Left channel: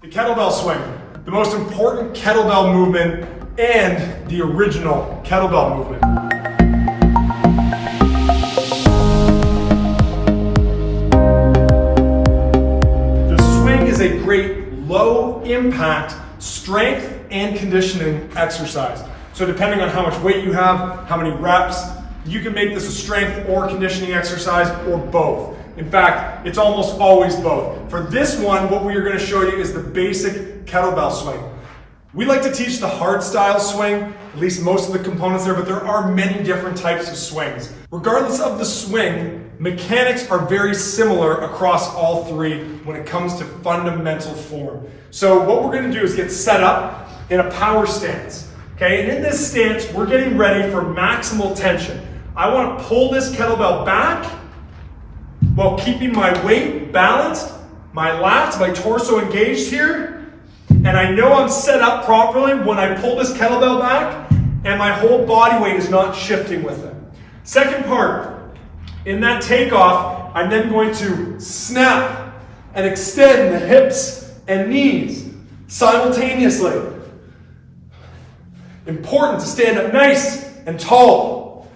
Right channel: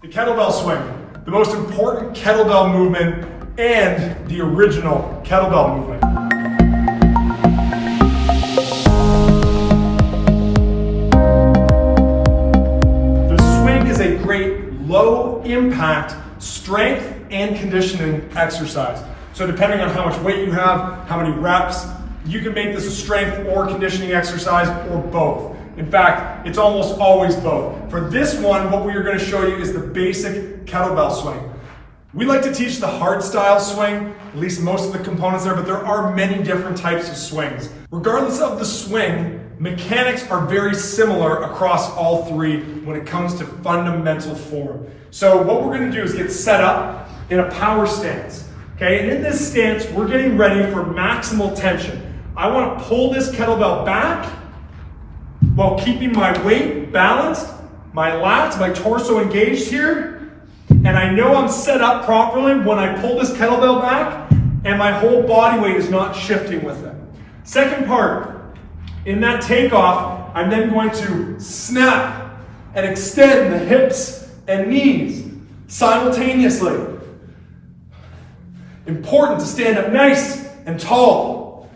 The kettlebell swing, the most important kettlebell movement and the original kettlebell movement. The swing is a great low impact strength and conditioning exercise. So depending on how much weight you have, how many reps, you can make this a strength or conditioning exercise or both. In fact, it's almost always both. For this one, what we are going to show you is the basic kettlebell swing. We like to teach the hard style swing, at least most of the components there, but there are many different types of swings. Regardless of the swing, mechanics are very similar across all three when it comes to fundamental form. So what we're going to do is get set up in a power stance. Okay, and in this stance, we're getting ready for maximal tension. I want to pull this kettlebell back while keeping my weight balanced, my lats, my torso engaged here, and I know I'm set up properly when I pull this kettlebell back and my whole body weight is not shifting with it. Second part, in that takeoff, I'm then going to snap and extend the hips and knees simultaneously. Important to stand up nice and tall.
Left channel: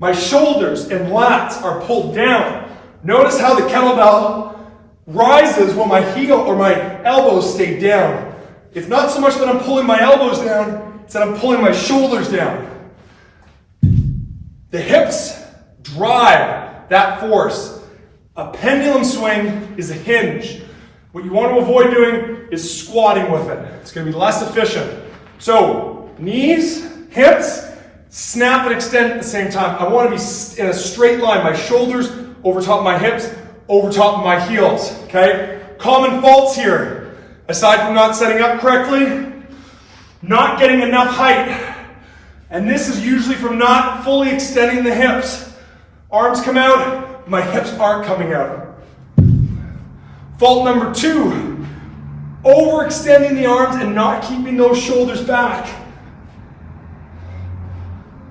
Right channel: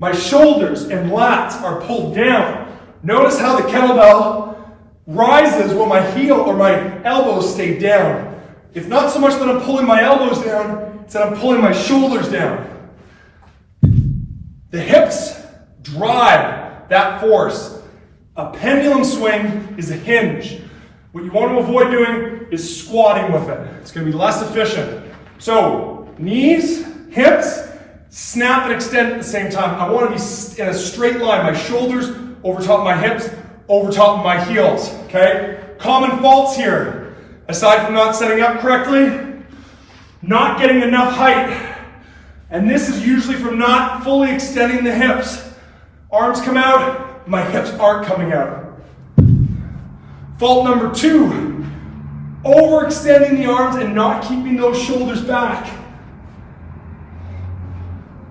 My shoulders and lats are pulled down. Notice how the kettlebell rises when my heel or my elbows stay down. It's not so much that I'm pulling my elbows down, it's that I'm pulling my shoulders down. The hips drive that force. A pendulum swing is a hinge. What you want to avoid doing is squatting with it. It's going to be less efficient. So, knees, hips, snap and extend at the same time. I want to be in a straight line. My shoulders over top of my hips, over top of my heels, okay? Common faults here, aside from not setting up correctly, not getting enough height. And this is usually from not fully extending the hips. Arms come out, my hips aren't coming out. Fault number 2, overextending the arms and not keeping those shoulders back.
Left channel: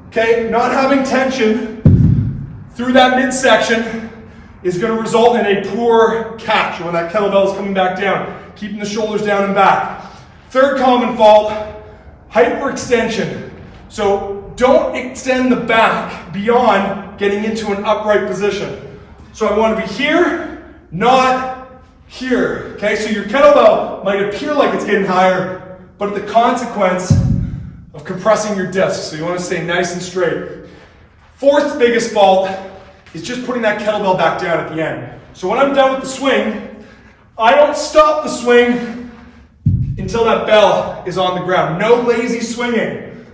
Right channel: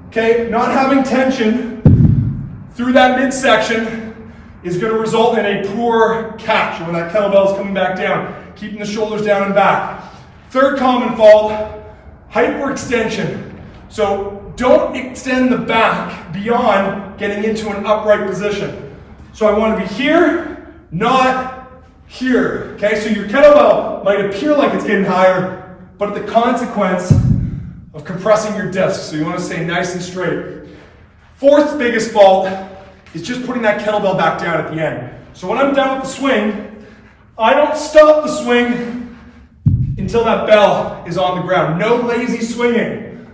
Okay, not having tension through that midsection is going to result in a poor catch when that kettlebell is coming back down, keeping the shoulders down and back. Third common fault, hyperextension. So don't extend the back beyond getting into an upright position. So I want to be here, not here. Okay, so your kettlebell might appear like it's getting higher, but at the consequence of compressing your discs. So you want to stay nice and straight. Fourth biggest fault is just putting that kettlebell back down at the end. So when I'm done with the swing, I don't stop the swing until that bell is on the ground. No lazy swinging.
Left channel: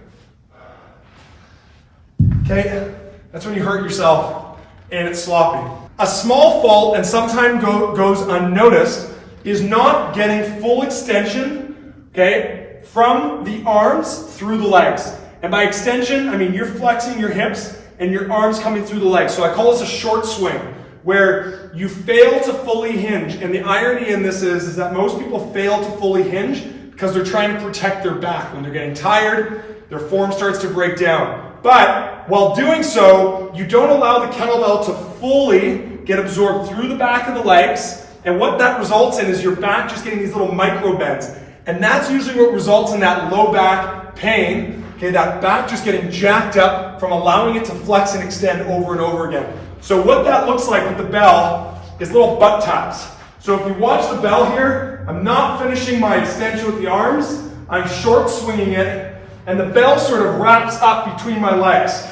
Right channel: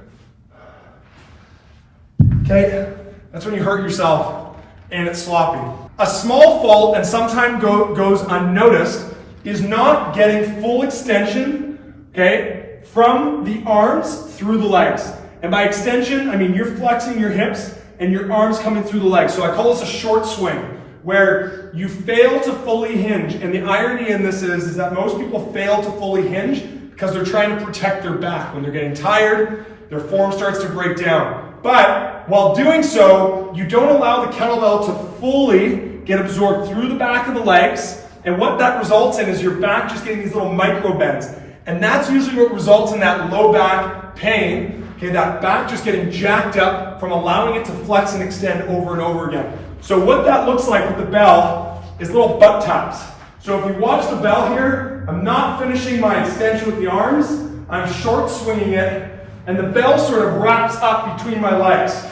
Okay? That's when you hurt yourself and it's sloppy. A small fault, and sometimes goes unnoticed, is not getting full extension, okay, from the arms through the legs. And by extension, I mean you're flexing your hips and your arms coming through the legs. So I call this a short swing, where you fail to fully hinge. And the irony in this is that most people fail to fully hinge because they're trying to protect their back. When they're getting tired, their form starts to break down. But while doing so, you don't allow the kettlebell to fully get absorbed through the back of the legs. And what that results in is your back just getting these little micro bends. And that's usually what results in that low back pain. Okay, that back just getting jacked up from allowing it to flex and extend over and over again. So what that looks like with the bell is little butt taps. So if you watch the bell here, I'm not finishing my extension with the arms, I'm short swinging it, and the bell sort of wraps up between my legs.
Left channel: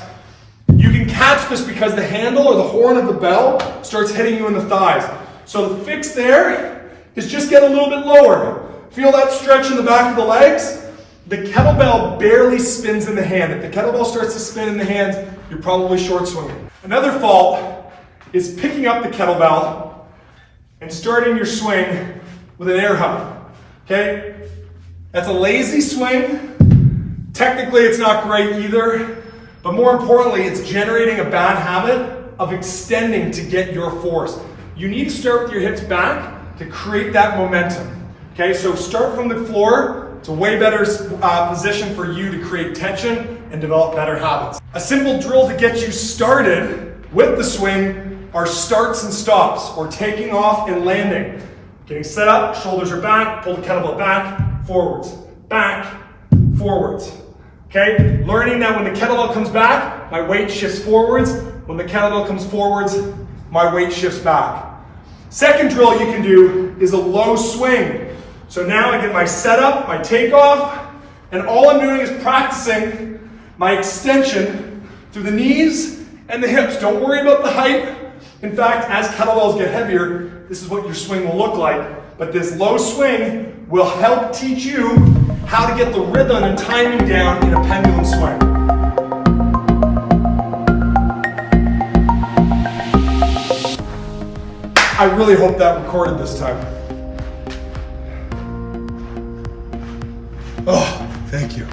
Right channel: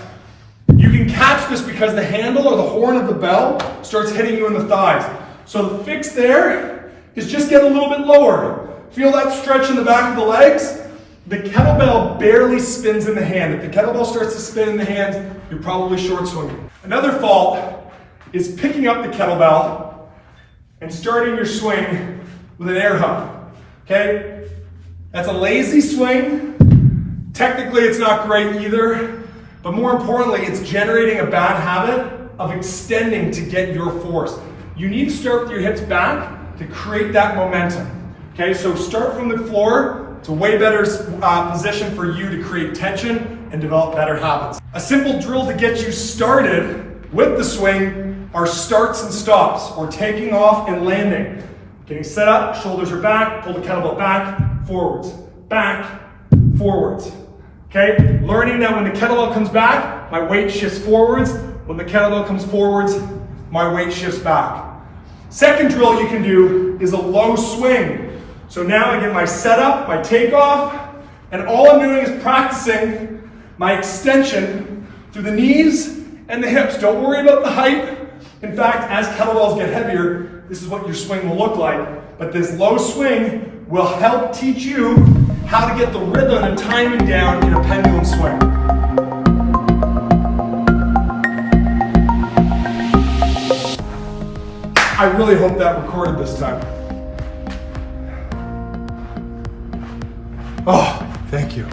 You can catch this because the handle or the horn of the bell starts hitting you in the thighs. So the fix there is just get a little bit lower. Feel that stretch in the back of the legs? The kettlebell barely spins in the hand. If the kettlebell starts to spin in the hand, you're probably short swinging. Another fault is picking up the kettlebell and starting your swing with an air hug. Okay? That's a lazy swing. Technically, it's not great either. But more importantly, it's generating a bad habit of extending to get your force. You need to start with your hips back to create that momentum. Okay, so start from the floor. It's a way better position for you to create tension and develop better habits. A simple drill to get you started with the swing are starts and stops, or taking off and landing. Getting set up, shoulders are back, pull the kettlebell back, forwards, forwards. Okay? Learning that when the kettlebell comes back, my weight shifts forwards. When the kettlebell comes forwards, my weight shifts back. Second drill you can do is a low swing. So now I get my setup, my takeoff, and all I'm doing is practicing my extension through the knees and the hips. Don't worry about the height. In fact, as kettlebells get heavier, this is what your swing will look like. But this low swing will help teach you how to get the rhythm and timing down in a pendulum swing. I really hope that recorded this time. Oh, thank you.